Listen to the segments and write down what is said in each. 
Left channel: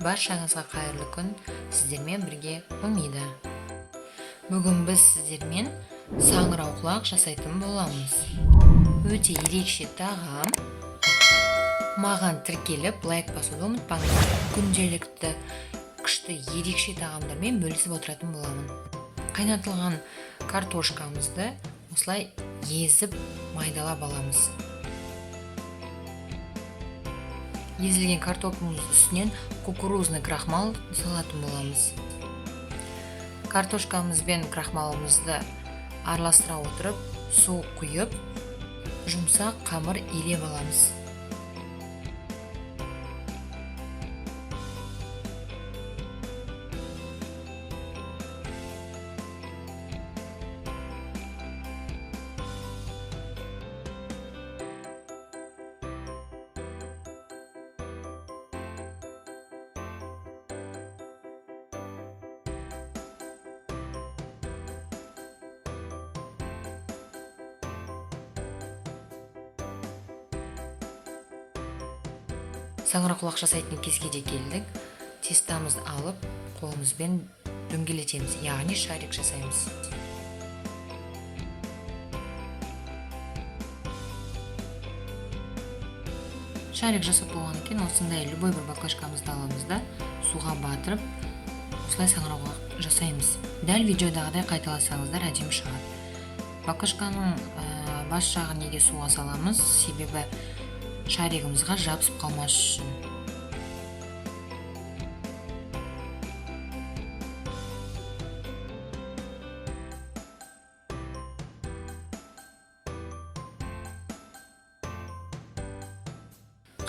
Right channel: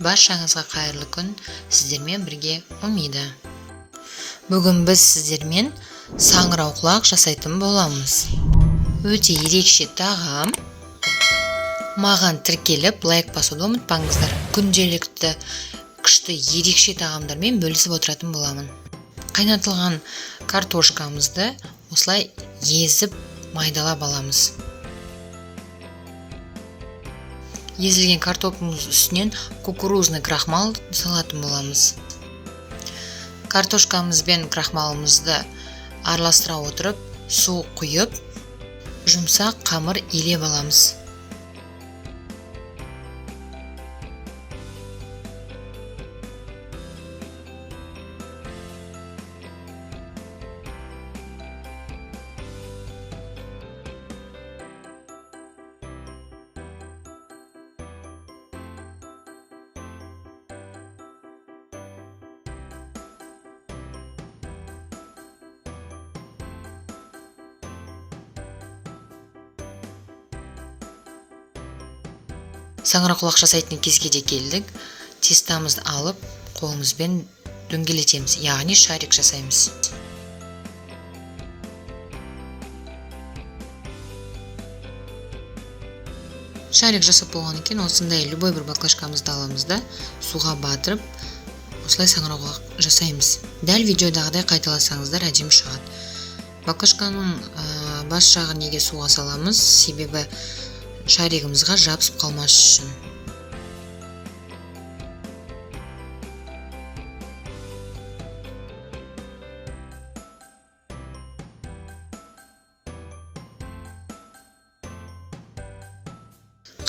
Баршаңызға қайырлы күн, сіздермен бірге Умида. Бүгін біз сіздермен саңырауқұлақ жасайтын боламыз. Өте ерекше тағам. Маған тіркеліп, лайк басуды ұмытпаңыздар. Күнделікті күшті ерекше тағамдармен бөлісіп отыратын боламын. Қайнатылған картошкамызды осылай езіп майдалап аламыз. Езілген картоптың үстінен кукурузный крахмал салатын боламыз. Картошкамыз бен крахмалымызды араластыра отырып, су құйып, жұмсақ қамыр илеп аламыз. Саңырауқұлақ жасайтын кезге де келдік. Тестамызды алып, қолымызбен дөңгелетеміз, яғни шарик жасаймыз. Шарик жасап болғаннан кейін осындай любой бір баклажкамызды аламыз да, суға батырып, осылай саңырауқұлақ жасаймыз. Дәл видеодағыдай қайталасаңыздар әдемі шығады. Баклажканың бас жағын неге суға саламыз, себебі шаригімізға жабысып қалмас үшін.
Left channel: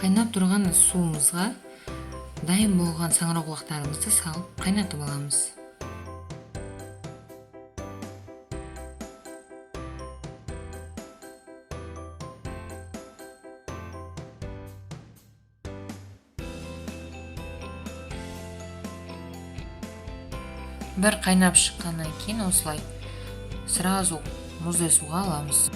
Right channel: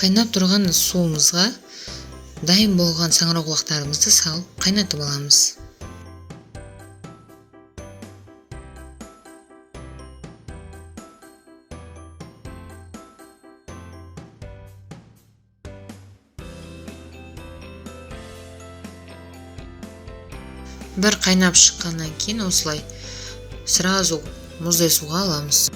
Қайнап тұрған суымызға дайын болған саңырауқұлақтарымызды салып қайнатып аламыз. Бір қайнап шыққаннан кейін осылай сразу мұздай суға аламыз.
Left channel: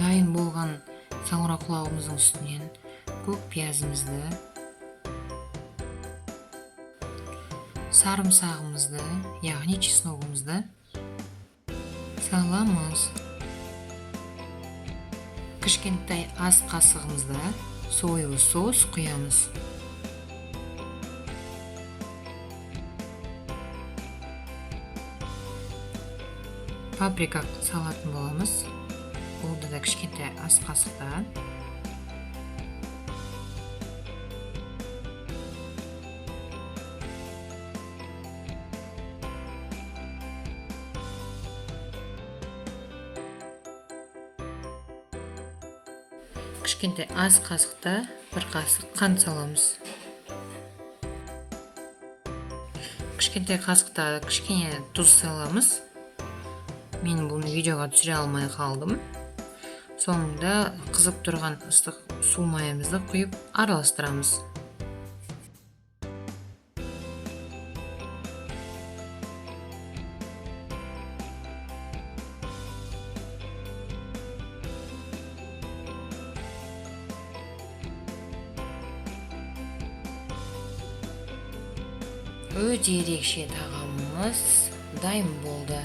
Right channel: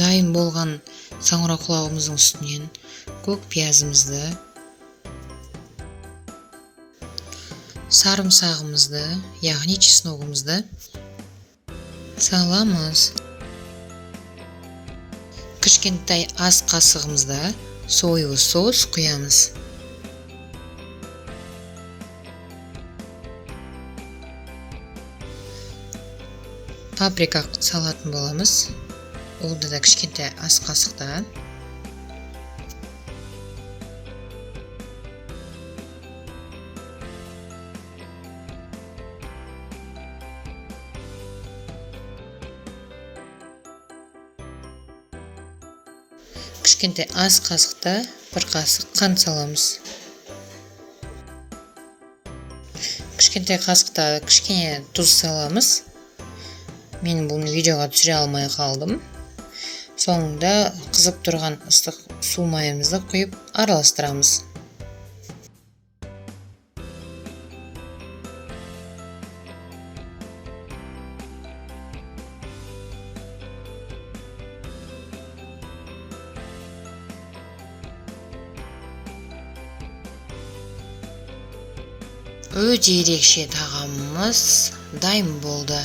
Дайын болған саңырауқұлағымыздың үстінен көк пиязымызды, сарымсағымызды, яғни чесногымызды саламыз. Кішкентай ас қасығымызда соевый соус құямыз. Паприка салатын боламыз. Олда да кішкентай ас қасықта. Кішкентай ас қасықта бір қасық қант саламыз. Кішкентай қасықта кішкене тұз саламыз. Мен бұны видеоға түсіре алмай қалдым. Соңында қызып тұрған ыстық су майымызды құйып араластырамыз. Өте ерекше тағамымыз дайын болды.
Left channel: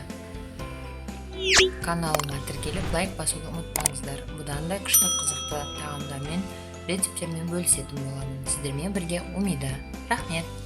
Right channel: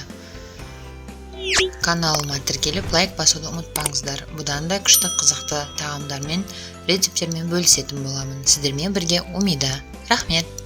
Каналыма тіркеліп, лайк басуды ұмытпаңыздар. Бұдан да күшті қызықты тағамдармен, рецептермен бөлісетін боламын. Сіздермен бірге Умида. Рахмет!